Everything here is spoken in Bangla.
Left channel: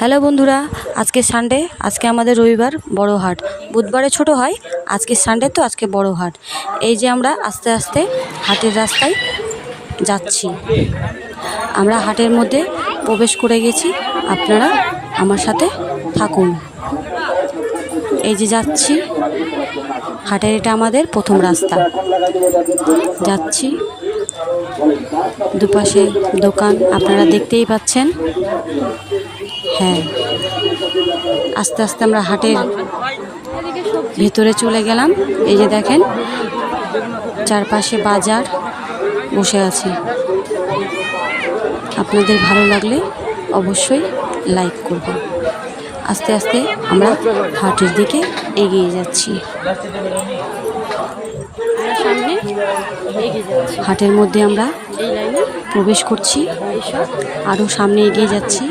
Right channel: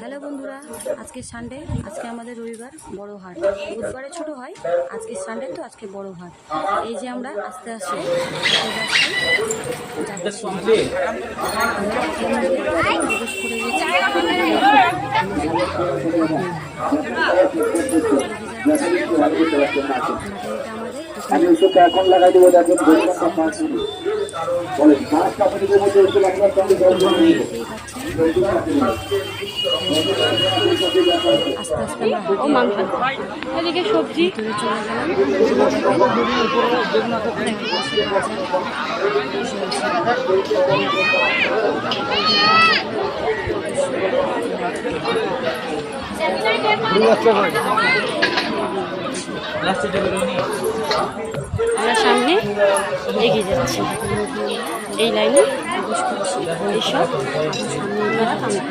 হ্যালো বন্ধুরা, আজকে সানডে, আজকে আমাদের রবিবার বড় হাট। বুধবারে ছোট হয়, আজকে সানডে তো আজকে বড় হাট। এই যে আমরা আস্তে আস্তে হাটের রাস্তায় যাচ্ছি। আমরা হাটের মধ্যে প্রবেশ করে গেছি, আপনারা আমার সাথে থাকুন। এই যে যাচ্ছি হাটের, এটা আমাদের প্রথম রাস্তা। যাচ্ছি, দুপাশে দোকান আপনারা দেখতেই পাচ্ছেন। হ্যাঁ, আস্তে আস্তে আমরা হাটের ভিতরে চলে গেলাম। এই যে দেখেন, চারপাশে বাজার বসে আছে। আপনাদের ভালো লাগলে অবশ্যই লাইক করবেন। আস্তে আস্তে আমরা হাটের দিকে এগিয়ে যাচ্ছি। আমরা সামনে এগিয়ে যাচ্ছি, হাটের মধ্যে আমরা এই লাইনে প্রবেশ করছি, এইসব আরও সামনে এগিয়ে যাচ্ছি।